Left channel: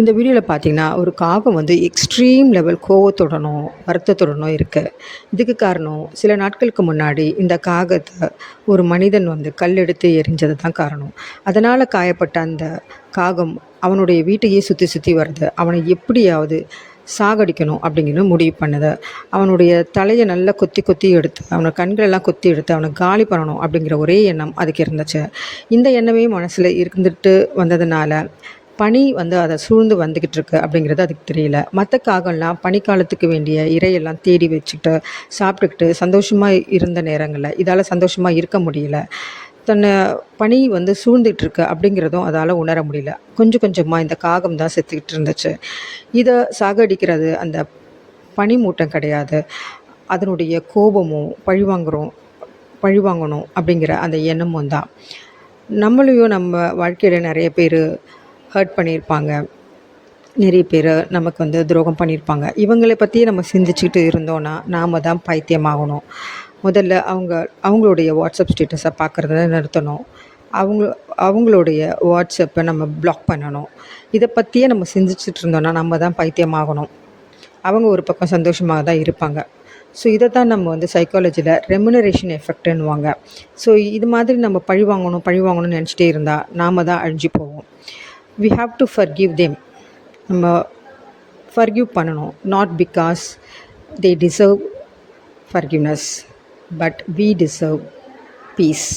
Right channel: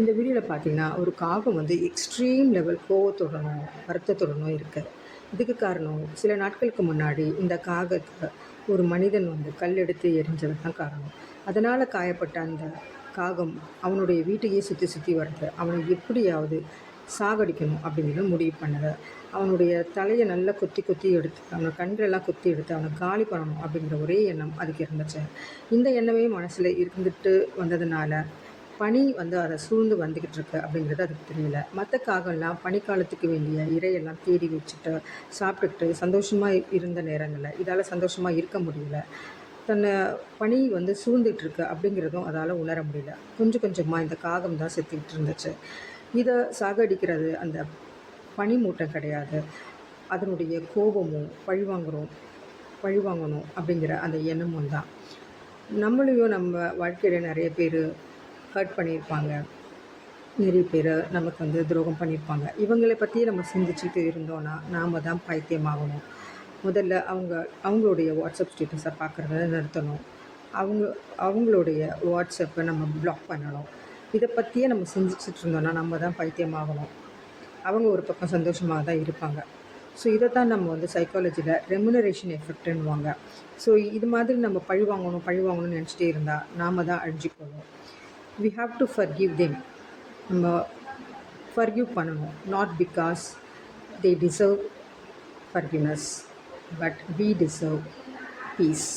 இந்த வீடியோவில் பார்த்தீங்கன்னா, ஒரு காகம் வந்து எக்ஸ்ட்ரீம் லெவல் கோவத்துடனும், வருத்தத்துடனும் இருக்கு. இதுக்கு காரணம், சில நாட்களுக்கு முன்னாடி இந்த காகத்த ஒரு மனிதன் வந்து கல் எடுத்து எறிஞ்சது தான் காரணம். அதனால காயப்பட்ட அந்த காகம் அவனுடைய வீட்டையே சுத்தி சுத்தி வருது. அவனை எப்படியாவது சாகடிக்கணும் அப்படிங்கிற முடிவு பண்ணுது. அவனுடைய தலைய நல்லா கொத்தி கொத்தி எடுத்து, அவன கண்களெல்லாம் கொத்தி எடுத்து அவன காலி பண்ணணும் அப்படிங்கிற ஒரே எண்ணம் அதுக்கு இருந்துச்சு. இந்த எண்ணமே மனசுல இருந்துட்டு வந்ததுனால, பனி வந்து அத சூழ்ந்து வந்துகிட்டு இருக்கு அப்படிங்கிறது அதுக்கு தெரியல. மத்த காகம்லாம் பனிக்காலத்துக்கு வேண்டிய இரையெல்லாம் தேடி வச்சுக்கிட்டு, சாப்பிட்டுக்கிட்டு சந்தோஷமா இருந்த நேரங்கள்ல, இதால சந்தோஷமா இருக்க முடியல. தன்னை பனி வந்து சூழ்ந்துட்டு இருக்கு அப்படிங்கிறதும் அதால உணர முடியல. கொஞ்சம் கொஞ்சமா இந்த காகம் தான் செத்துக்கிட்டு இருந்துச்சு. இத சாகடிக்கிறது அந்த பனிமூட்டம் கிடையாது. அதனுடைய கோபமும், பழிவாங்கணும் அப்படிங்கிற அந்த எண்ணமும் தான். நம்மளையும் நம்ம வாழ்க்கையில நெறைய பேரு ஹர்ட் பண்ணியிருப்பாங்க. நிறைய பேர் நமக்கு வந்து துரோகம் பண்ணியிருப்பாங்க. இவங்கள பற்றியே நம்ம சிந்திச்சுக்கிட்டு இருந்தோன்னா, நாம தான் பைத்தியமாகணும். முதல்ல அவங்களுடைய வாட்ஸ்அப் ஸ்டேட்டஸை பார்க்குறத நிறுத்தணும். அவங்க அவங்களுடைய வாட்ஸ்அப்பை நம்ம பிளாக் பண்ணணும். இதை பற்றியே நம்ம சிந்திச்சுட்டு இருந்தோன்னா, நம்ம தான் பைத்தியமாகணும். அவங்க ஒரு பக்கம் சந்தோஷமாக தான் இருப்பாங்க. ஸோ இதை தான் நம்ம வந்து சைக்காலஜியில் ரெமுனரேஷன் எஃபெக்ட்டுன்னுவாங்க. ஸோ இது மாதிரி நம்ம பழி வாங்கணும்னு நினச்சிட்டே இருந்தால் நாம தான் அழிஞ்சு போவோம். We have to forgive them. நம்ம ஃபர்கிவ் பண்ணணும். Not because they deserve forgiveness, but we deserve piece.